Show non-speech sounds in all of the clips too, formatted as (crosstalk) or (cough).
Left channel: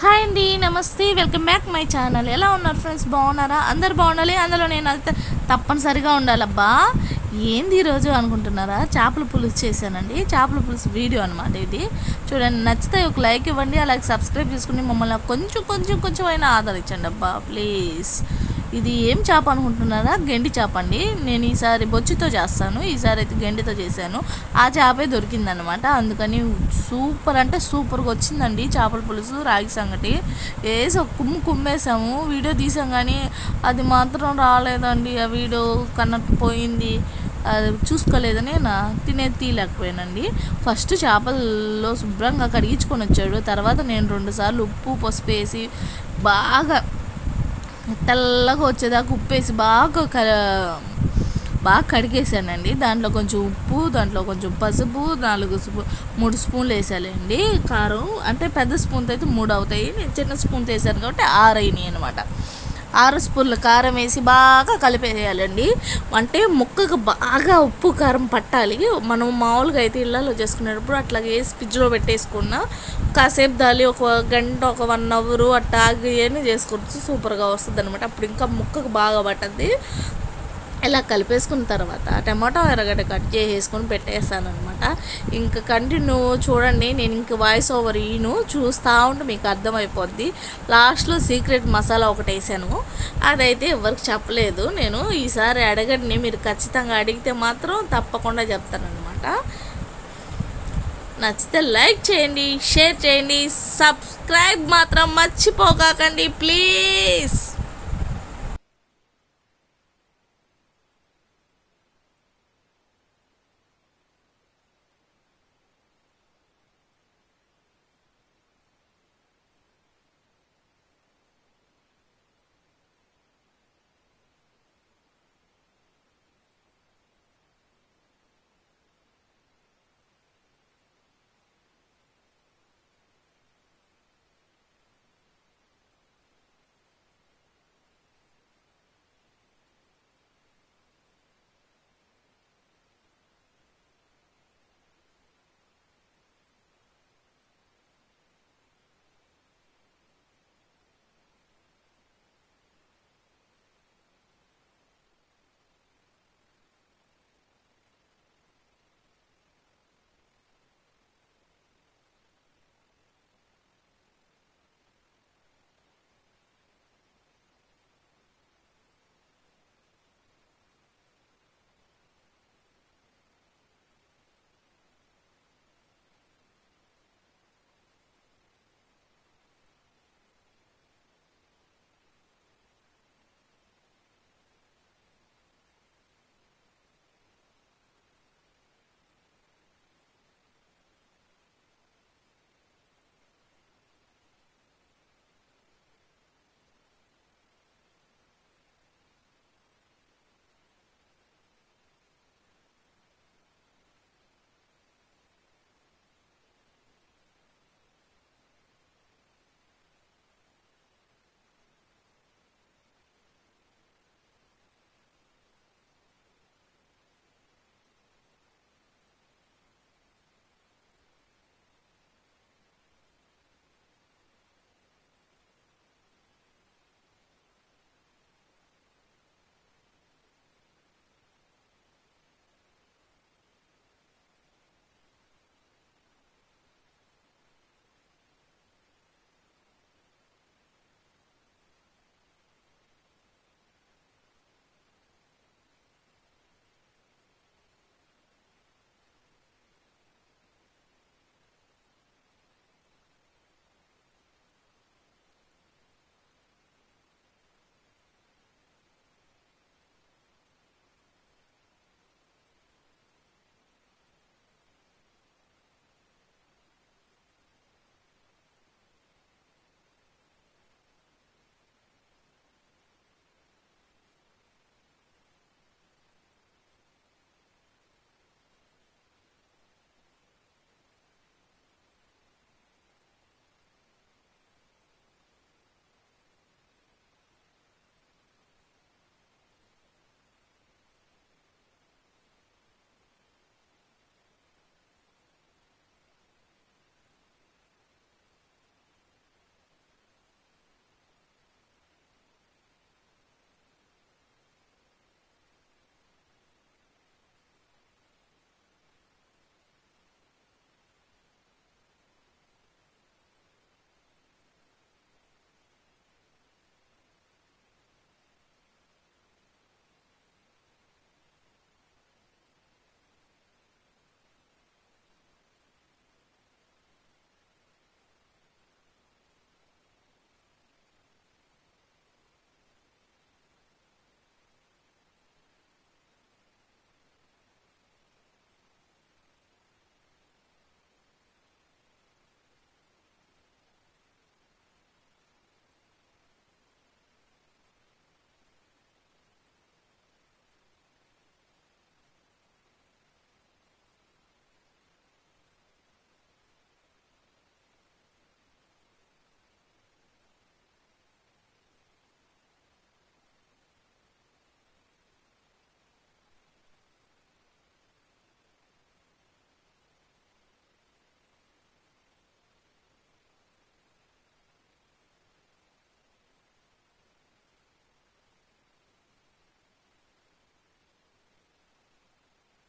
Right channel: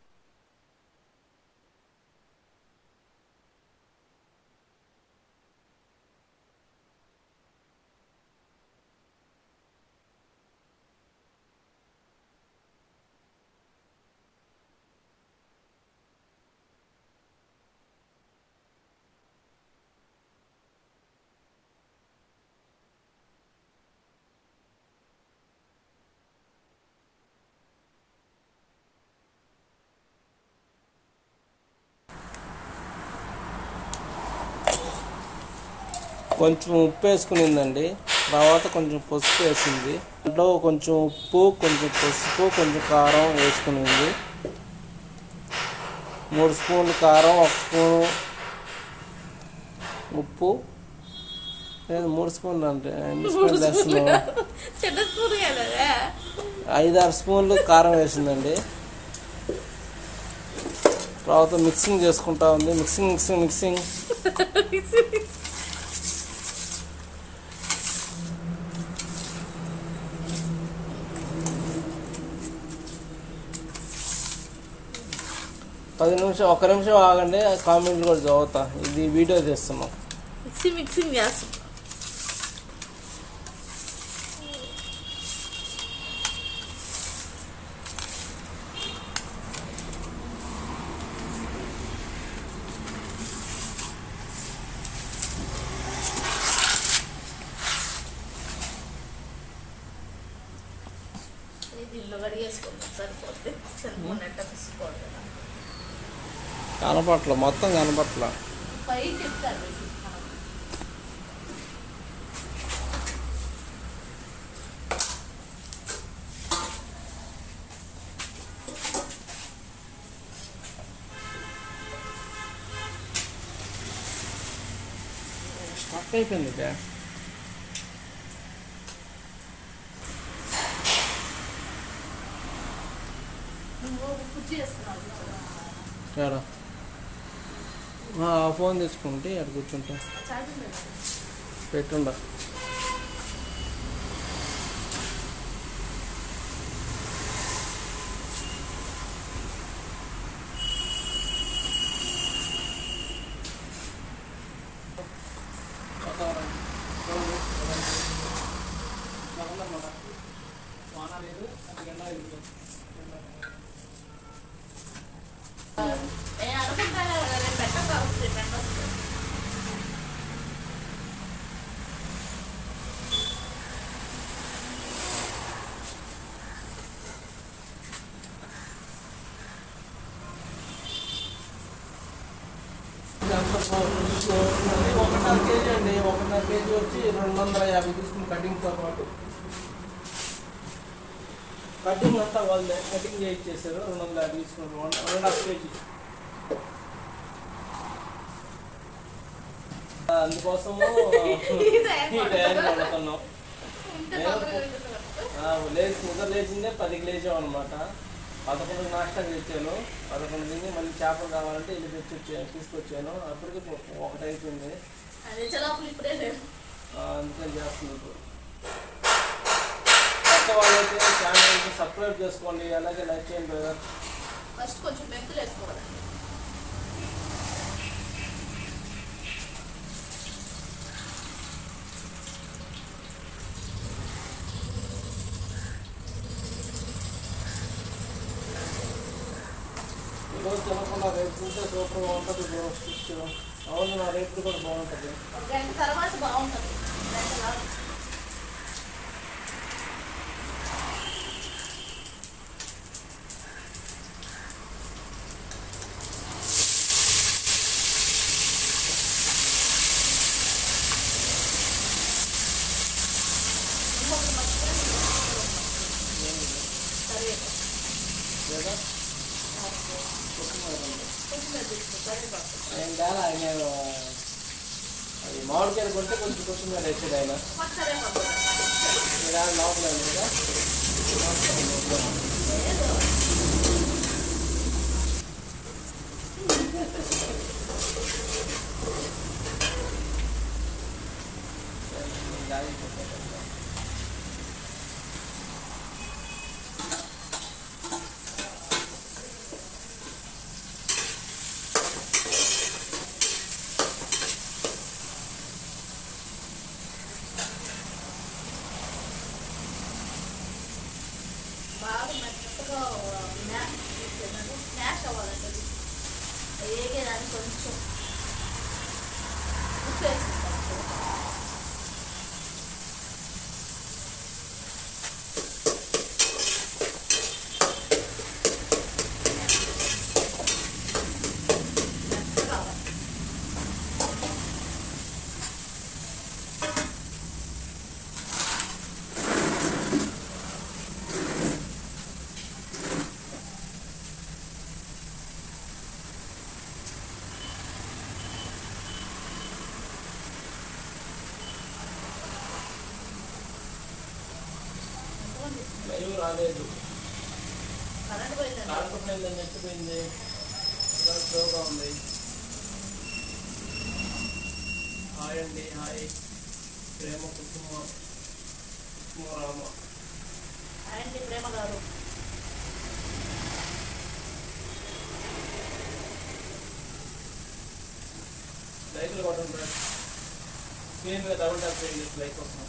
Hi అండి నమస్తే welcome back my channel. ఎలా ఉన్నారు ఫ్రెండ్స్? బాగున్నారా? అందరు బాగుండాలి? అందులో నేను అయితే తప్పనిసరిగా ఉండాలబ్బా. ఏంది ఈరోజు అనుకుంటున్నారా? చేపల పులుసు చేశానండి. చేపల పులుసు వీడియో అనమాట ఇది. చూడండి నచ్చితే ఒక లైక్ ఇవ్వండి అలాగే సబ్స్క్రైబ్ చేసుకుని మమ్మల్ని కొంచెం కొంచెం కొంచెం అయినా ఆదరించండి అబ్బా ప్లీజ్. ఇది ఏం చేప అనుకుంటున్నారా? గెండి చేప అండి నేను ఈసారి బొచ్చుతో చేస్తాను. ఈసారి అయితే గెండితో చేశాను. ఆ చేపే దొరికిందనమాట అందుకని సూపర్ అంటే సూపర్గా వచ్చిందండి చేపల పులుసు రాగి సంగటి. వేసి ఒక కుమ్ము కుమ్మేసాము. వీడియో తీసాం కానీ అది మాత్రం రాలేదండి. ఆ వీడియో కన్నట్టు పోయింది. అది చూసుకోలేదు తినే తీయలేకపోయానండి ఫస్ట్ చేపలలో శుభ్రంగా కడిగించుకొని వచ్చాడు తర్వాత నేను రెండు సార్లు ఉప్పు పసుపు వేసి బాగా కారం తెల్లగా వచ్చేదాకా ఉప్పేసి బాగా బాగా కడిగేసానండి. దాంట్లో కొంచెం ఉప్పు దాంట్లో కొంచెం పసుపు స్పూ- మూడు స్పూన్లు వేసానండి. కారం అంటే పెద్ద స్పూన్తో అయితే మూడు అవుతాయి. నేను చిన్న స్పూన్ వేసాను కాబట్టి ఆరు చేసుకుంటా ఆరు స్పూన్ల కారం వేసి బాగా కలిపేయాలండి. అంటే ముక్కకు బాగా ఉప్పు కారం పట్టాలి. మనం మామూలుగా అయితే ఇళ్ళలో చేసుకునేటప్పుడు అట్లా వేసి ఫ్రిడ్జ్లో పెట్టేసుకున్న కాసేపు దాలి ఒక గంట ఒక వన్ అవర్ అట్లా ఆగి ఏమి చేసుకోవచ్చు సూపర్గా వస్తుంది అనమాట అప్పుడు ఇంకా ముక్కకు బాగా పట్టద్ది. ఇలా కలిపేసుకున్న తర్వాత టమాటో ఎర్రగడ్డ కట్ చేసేసుకొని పెట్టేస్తాను అనమాట ఇంకా కంటిన్యూ చూడండి నేను ఇంక వాయిస్ ఓవర్ ఈను చూస్తూ ఉంటే మీకు అర్థమైపోద్ది. లాస్ట్లో సీక్రెట్ మసాలా ఒకటి వేసాను. అదైతే ఎవరికి చెప్పలేదు. నేను ఈసారి అడగండి మీరు ఖచ్చితంగా అడిగితే మాత్రం తప్పకుండా చెప్తానమాట నచ్చితే లైక్ చేయండి షేర్ చేయండి సబ్స్క్రైబ్ మాత్రం మర్చిపోకాకండి ప్లీజ్. మొత్తం కనపట్ల అయిపోయింది ఇక. ఫోన్ తీసుకుంటే అక్కడ కూర్చుంటా. పెట్టుండ. ఒకటిన్నర కేజీ అండి ఒకటిన్నర కేజీ వచ్చి రెండు వందల యాభై తీసుకుని కటింగ్తో పాటు కటింగ్ అంతా వాళ్ళే కటింగ్ చేయించేసారు రెండు వందల యాభై తీసుకుని రెండు హాఫ్ కేజీ అందుకోసము ఈ టైంకి వండుతున్నాం నేను లేచి నిద్ర లేచిందే పదికి లేచాం అనమాట పదకొండు నాష్టా తెచ్చాను పదకొండు తిని మళ్ళీ చేపలు కావాలంటే ఇల్లు తెచ్చి తీసుకొచ్చాను. అప్పటికి ఒకటి అయిపోయింది. ఆ, అందుకని చేస్తున్నాను కొత్త వాళ్ళైతే ఛానల్కి సబ్స్క్రైబ్ చేసుకోండి అలాగే లైక్ చేయండి ఫస్ట్ కొంచెం మెంతులు వేసుకోవాలి. తింటే సూపర్గా ఉంటుంది బ్రోస్ట్ అవును నా రేపు కూడా బాగుంటుంది తర్వాత బాగుంటుంది కొంటే కొంచెం కొంచెం ఆయన. మీరు ఆయన లోపల స్మాష్ అవ్వాలంటే వేగేదాన్ని కొంచెం. ఉప్పు వేసుకుంటాను హాయ్ అండి హాయ్ ప్రేమ కుటుంబ రామ ఆయనకి ప్రేమ గారు లైక్లు కొట్టండి డబుల్ ట్యాప్ చేయండి లైక్ కోసం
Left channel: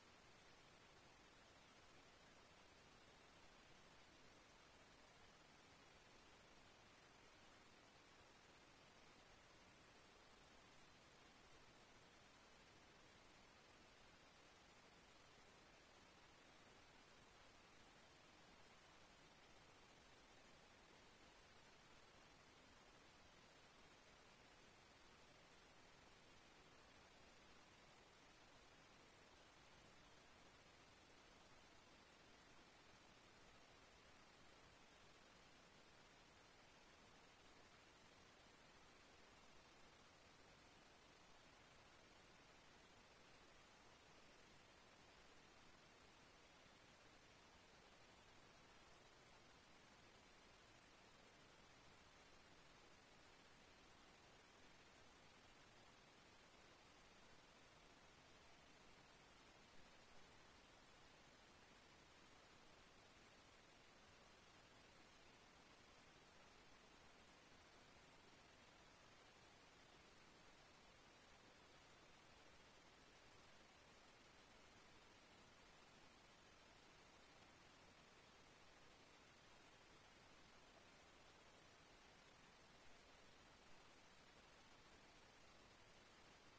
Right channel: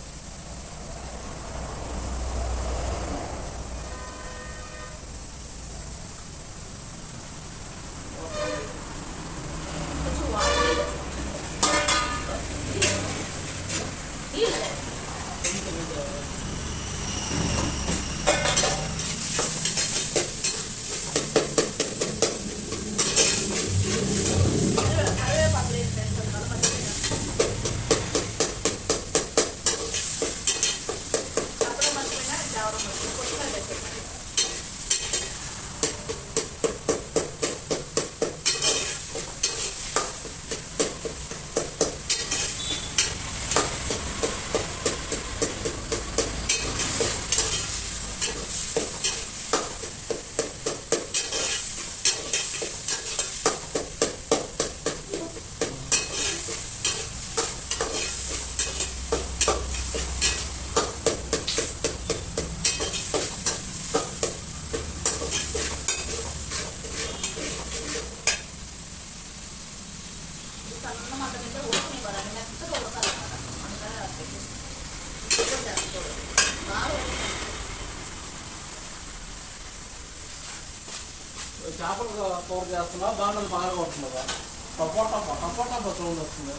కూర చేస్తున్నా దాంట్లో బాగా కొడుతుందా టపోటా టపోటా సౌండ్ వస్తుంది.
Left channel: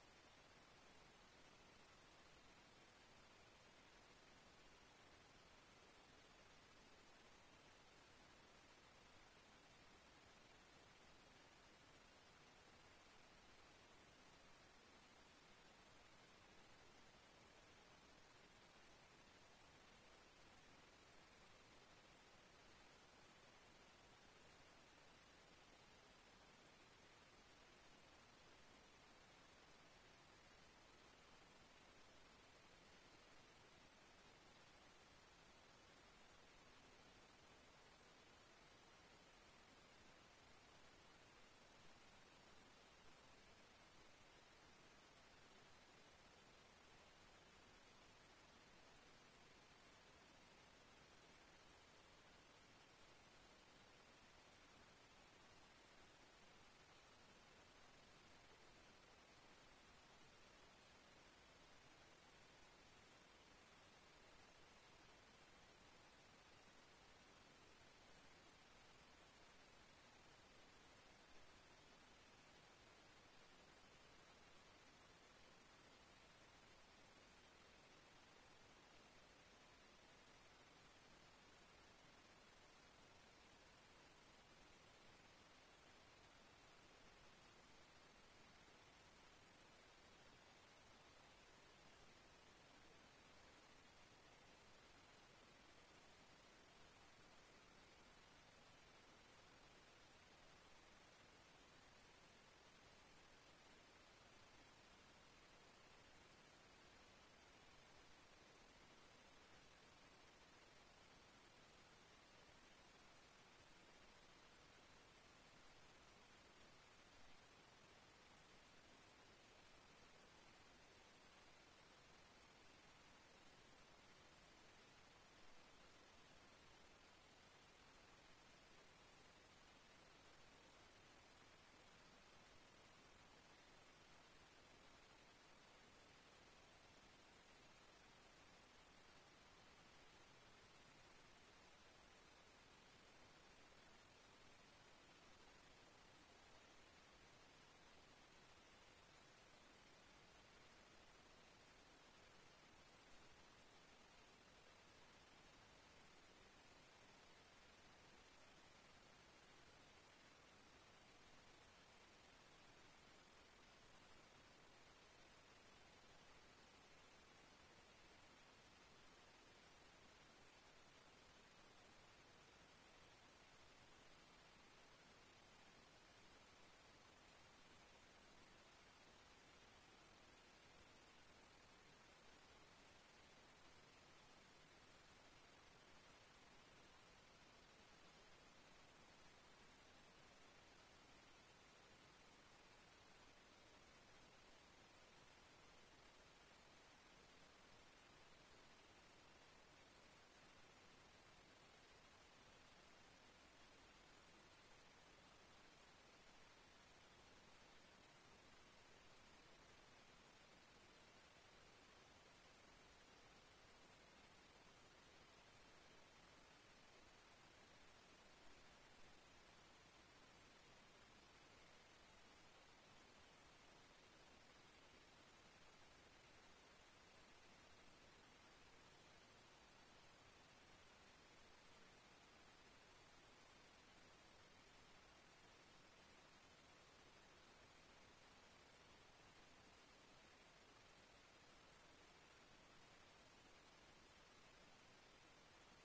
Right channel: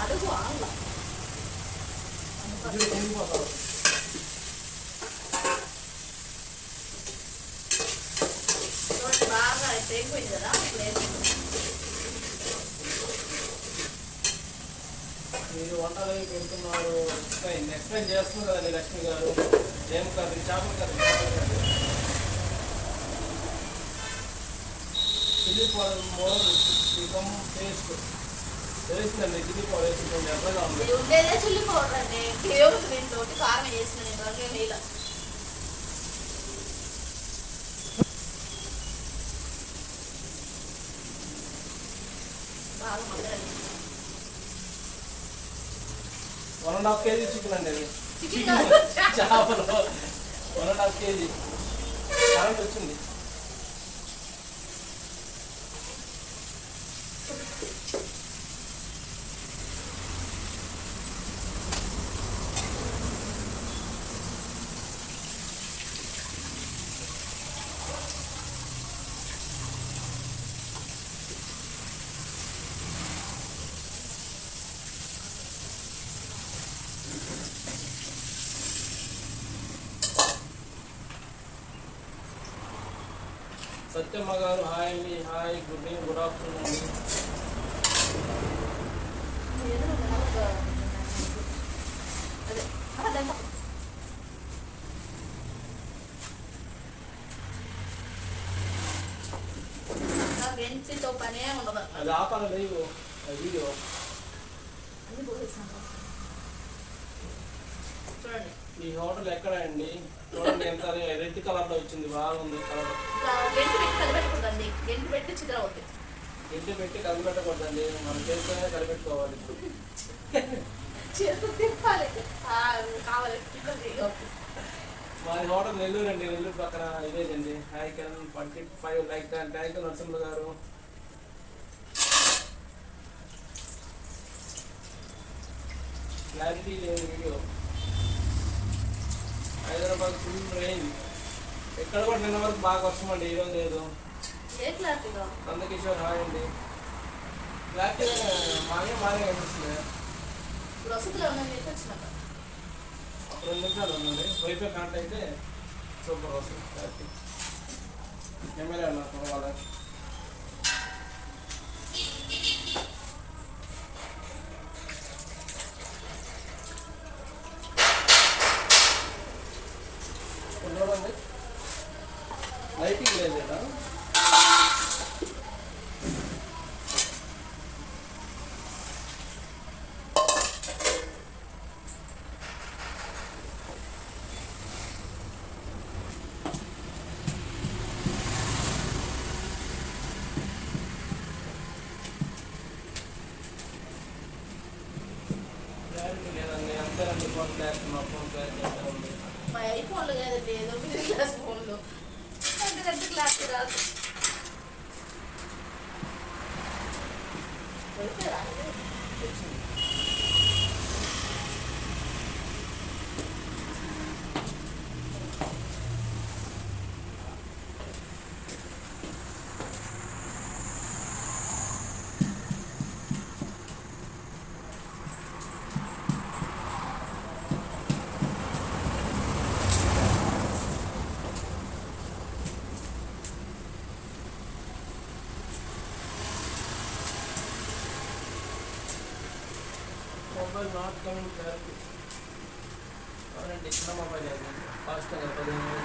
అడుగు ఆంగ్ల కదా? మీరు వంటలు పెడుతున్నారు. ఎక్స్ప్లెయిన్ ఎక్స్ప్లెయిన్ చేస్తుంది కదండి లక్ష్మి గారు. ఏం కర్రీ చేపల curry? Curry chilli powder more become taste తెలుస్తుందండి చిల్లీ పౌడర్ వేసుకుంటే ఎర్రగా ఉంది ఇది ఉండేదే చిల్లి పౌడర్ అండి కేవలం దీంట్లో కారం వేసిన ఇంతవరకు ఏం one and half KG chicken అండి అది చికెన్. (laughs) చేపలు. One and half KG current వచ్చింది. సత్యమ్మ గారు హాయ్ అండి hi good evening good afternoon అండి ఏదో ఒక అదే అదే నాకు వెంచితో పనే ఉండదు అది ఆపాలి లైవ్ వీడియో అన్ని పోసేసాను చూడండి ఈ హోటల్ ఎక్కడ అండి చూడండి ఎంత రెడ్ కలర్లో వచ్చింది బాగుంది కలర్. గెంటి పెట్టి గెంటి పెట్టి అవుతుంది మనం చేత తిప్పాలి కావాలి. మాది హోటల్ నెల్లూరు అండి నెల్లూరు పక్కన ఇదేనండి hi Kiran twenty five like thank you Narasimha గారు. క్లారిటీ లేదు వీడియో. హైదరాబాద్ ఫుల్ రెయిన్ ఎక్కడ కూడా నిన్న వరకు బాగా వర్షం అండి ఈరోజు లేదు. నందకిషోర్ హాయ్ అండి. క్లారిటీ మాగే బాగా కనిపిస్తుంది. ఒక రెండు నిమిషాలు ఉందండి వైఫై కనెక్ట్ అయితే సూపర్ వస్తుంది క్లారిటీ. కెమెరా నాకు కావాలి చూడండి లైటింగ్ లేదు కదా కదండి ఏదో మిడిల్ క్లాస్ ఫోన్లు అంతకంటే క్లాస్ రాదు దొరికేదా? అవునండి చిన్న మొబైల్ అండి పదిహేను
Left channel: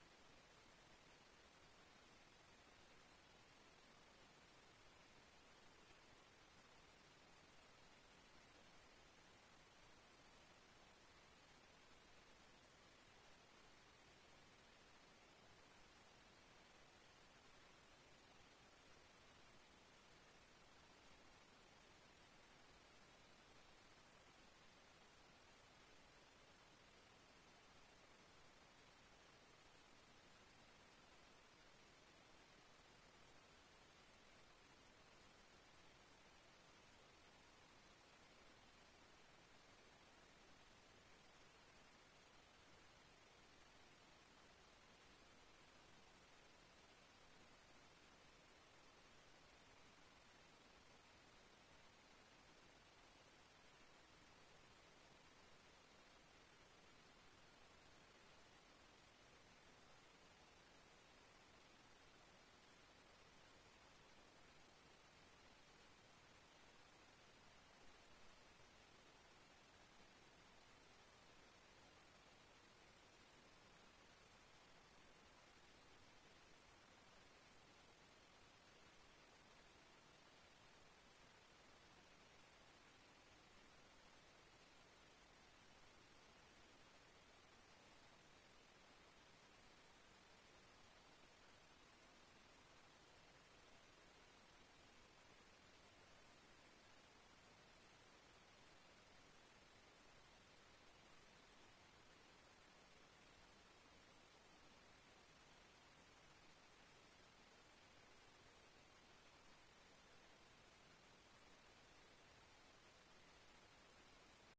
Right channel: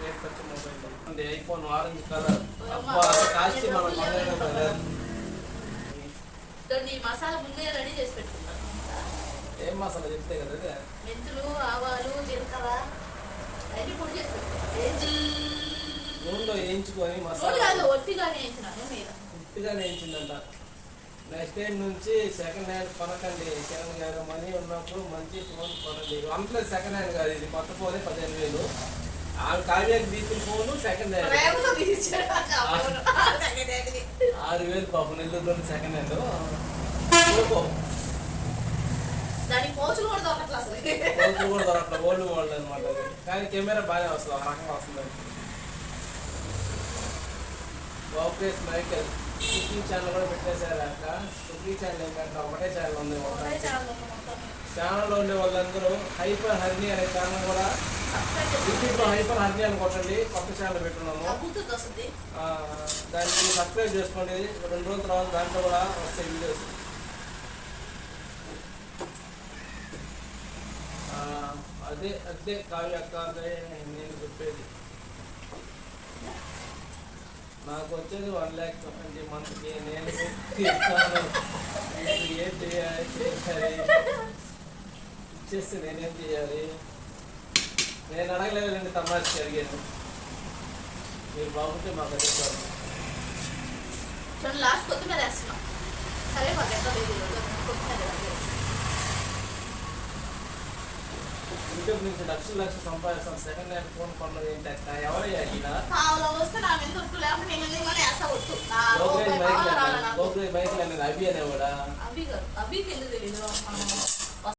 రేట్ ఖర్చు మొబైల్ ఉంది ఐఫోన్ ఆరెంజ్ కలర్ కాస్ట్ మనం మసాలా ముందే రెడీ చేసి పెట్టుకుంటాను. ఏం మసాలా చెప్తే కదా మెంతులు ఆవాలు జీలకర్ర అన్ని పొడి చేసి పెట్టుకుంటాను. నూనెలో వేయించుకొని నూనె మసాలా కాదు ఒట్టిగానే వేసినాను మీద వేయించిందంట. నెక్స్ట్ టైం నుంచి సెకండ్ హ్యాండ్ కొనకండి సెకండ్ హ్యాండ్ మనీ ఉన్నప్పుడు మంచి ఫోన్ కొనండి. అంతలో సెకండ్ హ్యాండ్ కాదు ఇది కొత్త ఫోనే పదిహేను వేలు. ఆ కావ్యాకి తీసుకున్న ఫోను సెకండ్ హ్యాండ్. ఆరు వేలు పాపం నెల్లూరులో సెకండ్ హ్యాండ్ పోచులు కూడా దొరకట్లేదు ఓల్డ్ మోడల్ అనమాట కానీ కెమెరా బాగానే వస్తుంది ఆ రకం వస్తుంది. బాబుకేస్ మైకల్. కుకింగ్ ఛానల్ కూడా పెట్టేశారు అక్క. కుకింగ్ ఛానల్ ఏంటంటే ఒకటే ఛానల్ ఉంది. ఛానల్లో ఉండే వాళ్ళందరూ హైపర్ హర్ని అనే ఛానల్ కూడా. యూట్యూబ్లో హైపర్ హర్ని అని కొట్టండి. కొత్త ఛానల్ పెట్టున్నాము. దానికి సబ్స్క్రైబ్ చేసుకోండి. రెండు రోజుల తర్వాత దాంట్లో కూడా వస్తాయి వీడియోస్ అదే అదే కావ్య అక్క నేను చెప్పేది. నాకు వచ్చేది వన్ ల్యాక్ ట్వంటీ మంత్కి. నేను ఇస్తాను. ఏం చేయాలి? ఇచ్చేస్తే నేనేం చేయాలి? నేను అడగలేదండి తమాషకి అడిగాను మీరు బాగుంటే మాకు అడుగుతారు లాస్ట్ కొత్తిమీర వేస్తున్నాం. సరే మాకు ఎంత లేదు. కొత్తిమీర యూట్యూబ్ నుంచి లక్షలు లక్షలు సంపాదిస్తాను సెకండ్ హ్యాండ్ ఫోన్ కొన్నది ఏంటి అక్క? ఎవరయ్యా ఈయన? అనేది అభి అనేవాడా తెలీదు? మనం